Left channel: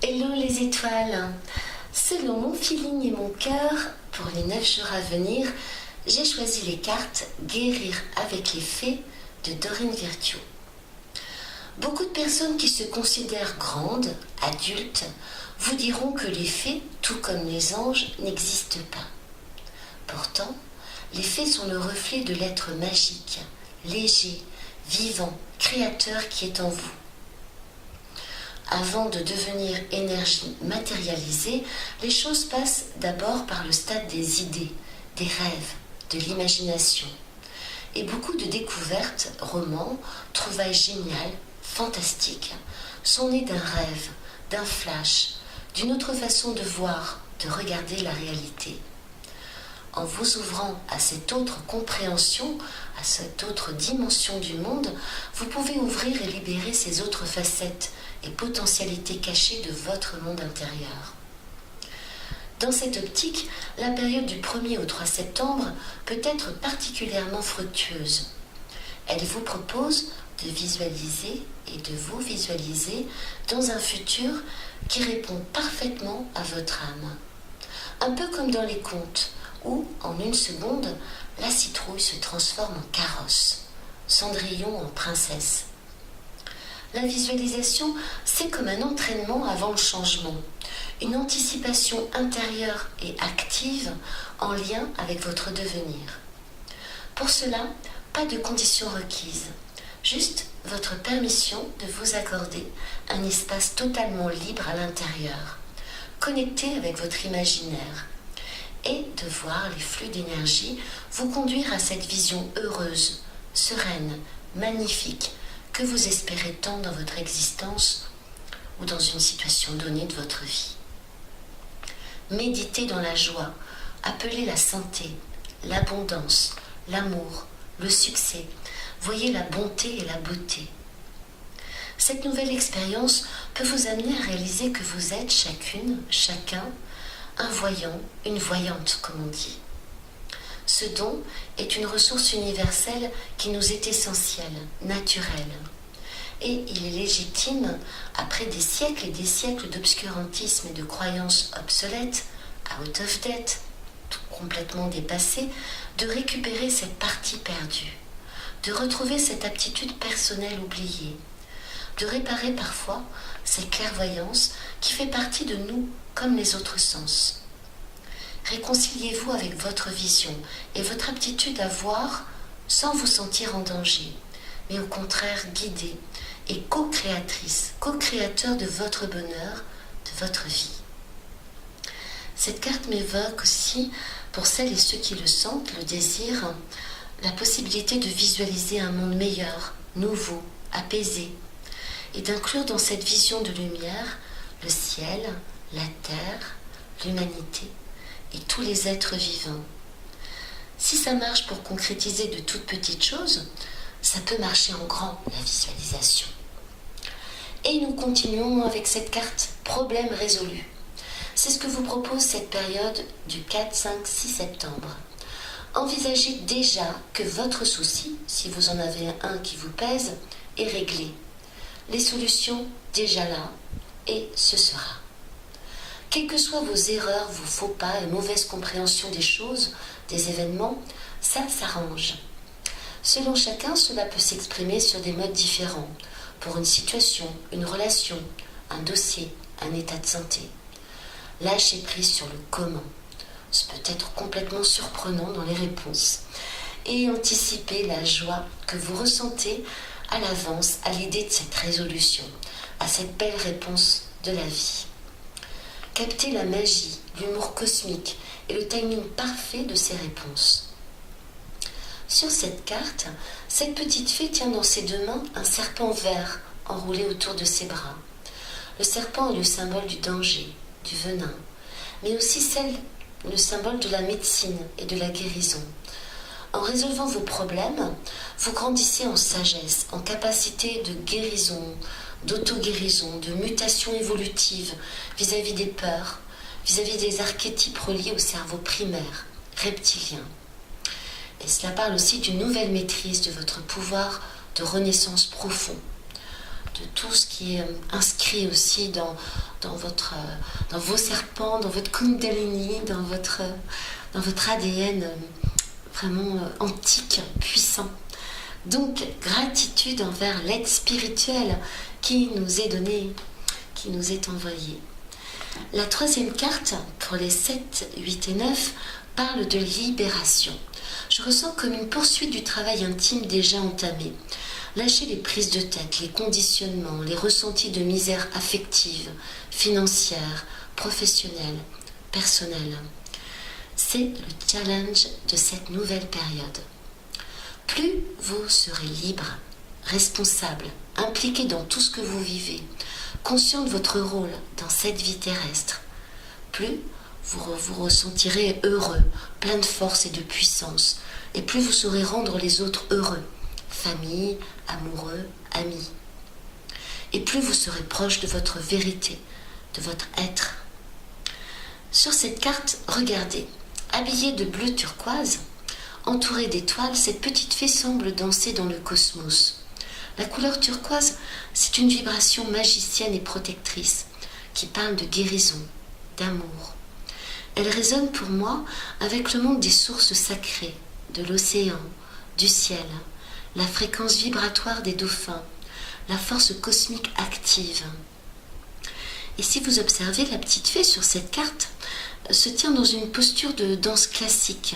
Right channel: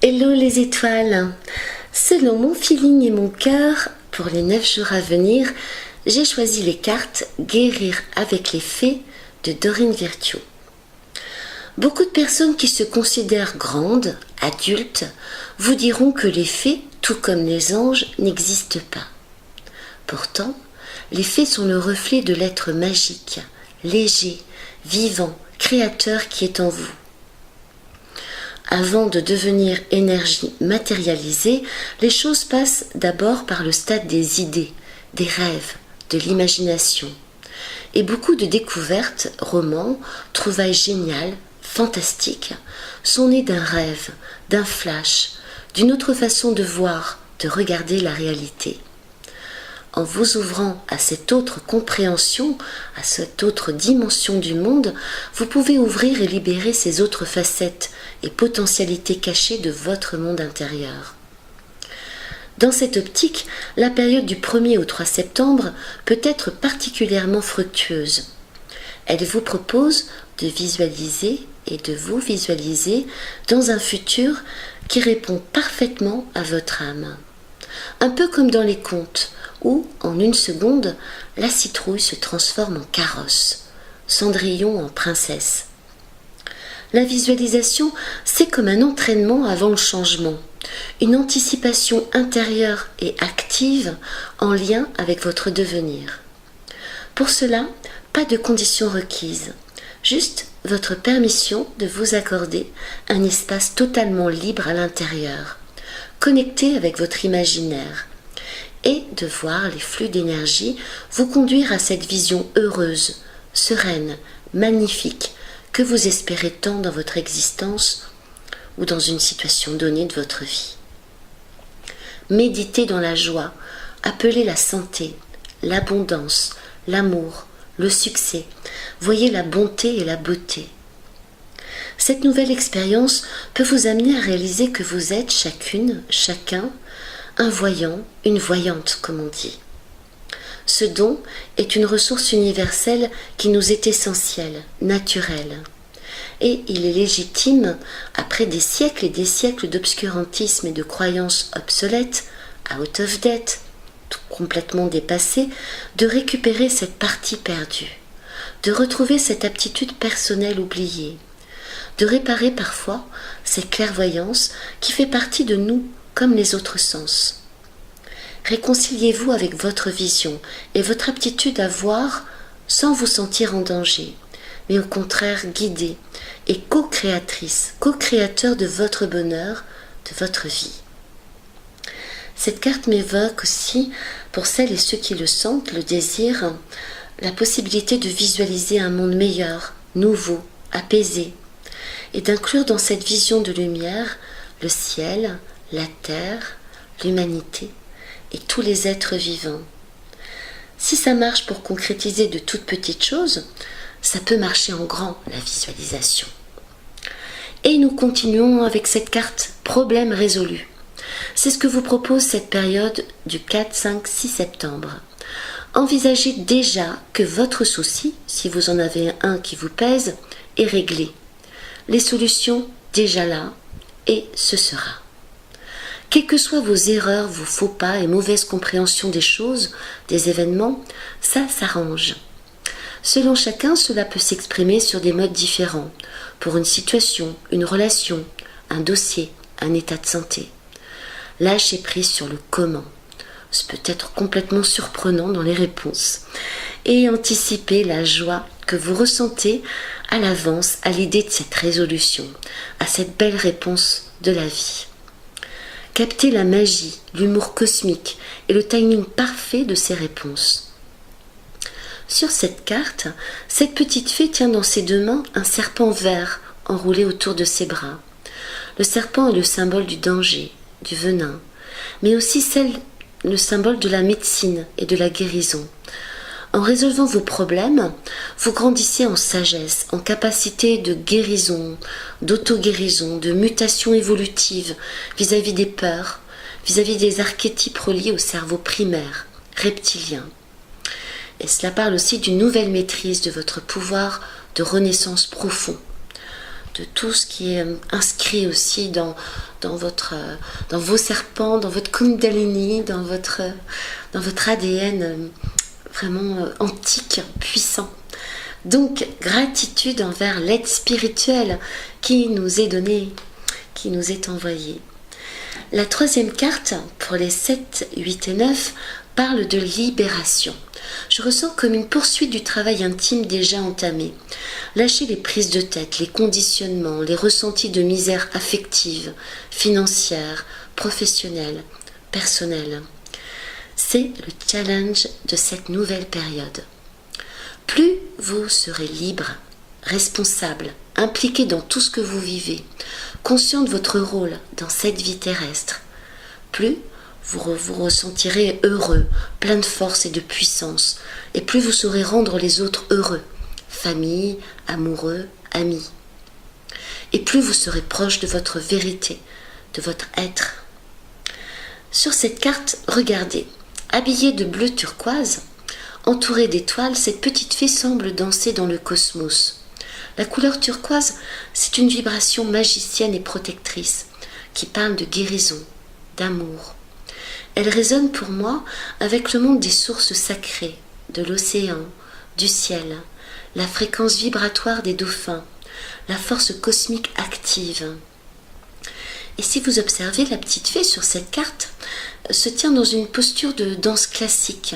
Hello les étoiles. Selon mon feeling et mon cœur, pour les 9 jours à venir, j'ai choisi les cartes Guérir avec les fées de Dorine Virtue. Beaucoup de personnes qui se considèrent grandes, adultes, vous diront que les fées, tout comme les anges, n'existent pas. Pourtant, les fées sont le reflet de l'être magique, léger, vivant, créateur qui est en vous. Avant de devenir énergie matérialisée, les choses passent d'abord par le stade des idées, des rêves, de l'imagination. Et beaucoup de découvertes, romans, trouvailles géniales, fantastiques, sont nées d'un rêve, d'un flash, d'une autre façon de voir, de regarder la réalité. En vous ouvrant à cette autre compréhension, à cette autre dimension du monde, vous pouvez ouvrir et libérer ces autres facettes et potentialités cachées de votre monde intérieur. Dans cette optique, la période du 1er au 3 septembre peut être particulièrement fructueuse. Elle vous propose de visualiser et de vous visualiser dans un futur qui répond parfaitement à votre âme. Un peu comme dans les contes, où, en une seconde, la citrouille se transforme en carrosse, Cendrillon en princesse. La visualisation, c'est comme un entraînement avant le changement, une anticipation intérieure et active en lien avec votre devenir. Pour cela, pas de conditions requises, juste votre permission de vous accorder un espace totalement libre à l'intérieur, connecté avec votre imaginaire, et de voir les flux d'énergie vous conduire à cette vision heureuse, sereine, magnifique, que vous espérez tant dans votre existence ou dans une situation donnée de votre vie. Méditez dans la joie, appelez la santé, l'abondance, l'amour, le succès. Voyez la bonté et la beauté. Cette nouvelle expérience peut vous amener à réaliser que vous êtes chacune, chacun, un voyant, une voyante, comme on dit. Ce don est une ressource universelle qui nous est essentielle, naturelle. Et il est légitime, après des siècles et des siècles d'obscurantisme et de croyances obsolètes, out of date, complètement dépassées, de récupérer cette partie perdue, de retrouver cette aptitude personnelle oubliée, de réparer parfois cette clairvoyance qui fait partie de nous comme les autres sens. Réconciliez-vous avec votre vision et votre aptitude à voir sans vous sentir en danger, mais au contraire guidée et co-créatrice, co-créateur de votre bonheur, de votre vie. Cette carte m'évoque aussi, pour celles et ceux qui le sentent, le désir, la possibilité de visualiser un monde meilleur, nouveau, apaisé, et d'inclure dans cette vision de lumière le ciel, la terre, l'humanité et tous les êtres vivants. Si ça marche pour concrétiser de toutes petites choses, ça peut marcher en grand, la visualisation. Et nous continuons avec cette carte problème résolu. C'est ce que vous propose cette période du 4, 5, 6 septembre. Envisagez déjà que votre souci, si vous en avez un qui vous pèse, est réglé. Les solutions déjà là, et ce sera. Quelles que soient vos erreurs, vos faux pas et mauvaises compréhensions des choses, des événements, ça s'arrange. Selon chacun, cela peut s'exprimer sur des modes différents, pour une situation, une relation, un dossier, un état de santé. Lâchez prise sur le comment. C'est peut-être complètement surprenant dans les réponses. Et anticipez la joie que vous ressentez à l'avance à l'idée de cette résolution, à cette belle réponse de la vie. Captez la magie, l'humour cosmique et le timing parfait de ces réponses. Sur cette carte, cette petite fée tient dans ses deux mains un serpent vert enroulé autour de ses bras. Le serpent est le symbole du danger, du venin, mais aussi le symbole de la médecine et de la guérison. En résolvant vos problèmes, vous grandissez en sagesse, en capacité de guérison, d'auto-guérison, de mutation évolutive vis-à-vis des peurs, vis-à-vis des archétypes reliés au cerveau primaire, reptilien. Et cela parle aussi d'une nouvelle maîtrise de votre pouvoir de renaissance profond, de tout ce qui est inscrit aussi dans dans vos serpents, dans votre Kundalini, dans votre ADN vraiment antique, puissant. Donc, gratitude envers l'aide spirituelle qui nous est donnée, qui nous est envoyée. La troisième carte, pour les 7, 8 et 9, parle de libération. Je ressens comme une poursuite du travail intime déjà entamé. Lâchez les prises de tête, les conditionnements, les ressentis de misère affective, financière, professionnelle, personnelle. C'est le challenge de cette nouvelle période. Plus vous serez libre, responsable, impliqué dans tout ce que vous vivez, conscient de votre rôle dans cette vie terrestre, plus vous ressentirez heureux, plein de force et de puissance, et plus vous saurez rendre les autres heureux, famille, amoureux, amis. Et plus vous serez proche de votre vérité, de votre être. Sur cette carte, regardez, habillée de bleu turquoise, entourée d'étoiles, cette petite fée semble danser dans le cosmos. La couleur turquoise, c'est une vibration magicienne et protectrice qui parle de guérison, d'amour. Elle résonne pour moi avec le monde des sources sacrées, de l'océan, du ciel, la fréquence vibratoire des dauphins, la force cosmique active. Et si vous observez, la petite fée sur cette carte se tient dans une posture de danse classique.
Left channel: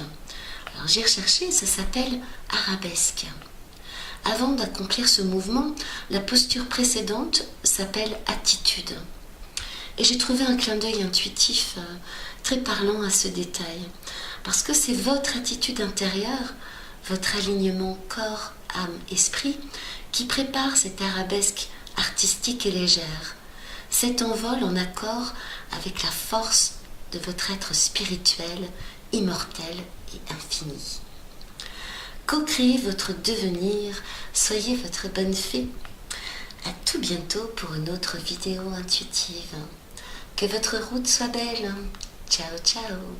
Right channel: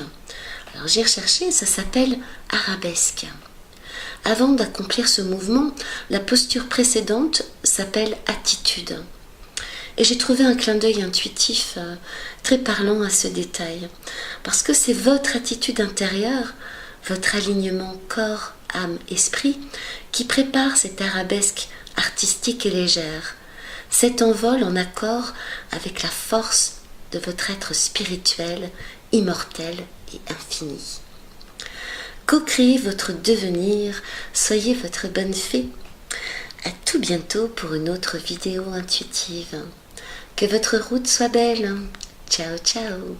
Alors j'ai recherché, ça s'appelle arabesque. Avant d'accomplir ce mouvement, la posture précédente s'appelle attitude. Et j'ai trouvé un clin d'œil intuitif très parlant à ce détail. Parce que c'est votre attitude intérieure, votre alignement corps, âme, esprit, qui prépare cette arabesque artistique et légère. Cet envol en accord avec la force de votre être spirituel, immortel et infini. Co-créez votre devenir, soyez votre bonne fée. À tout bientôt pour une autre vidéo intuitive. Que votre route soit belle. Ciao, ciao.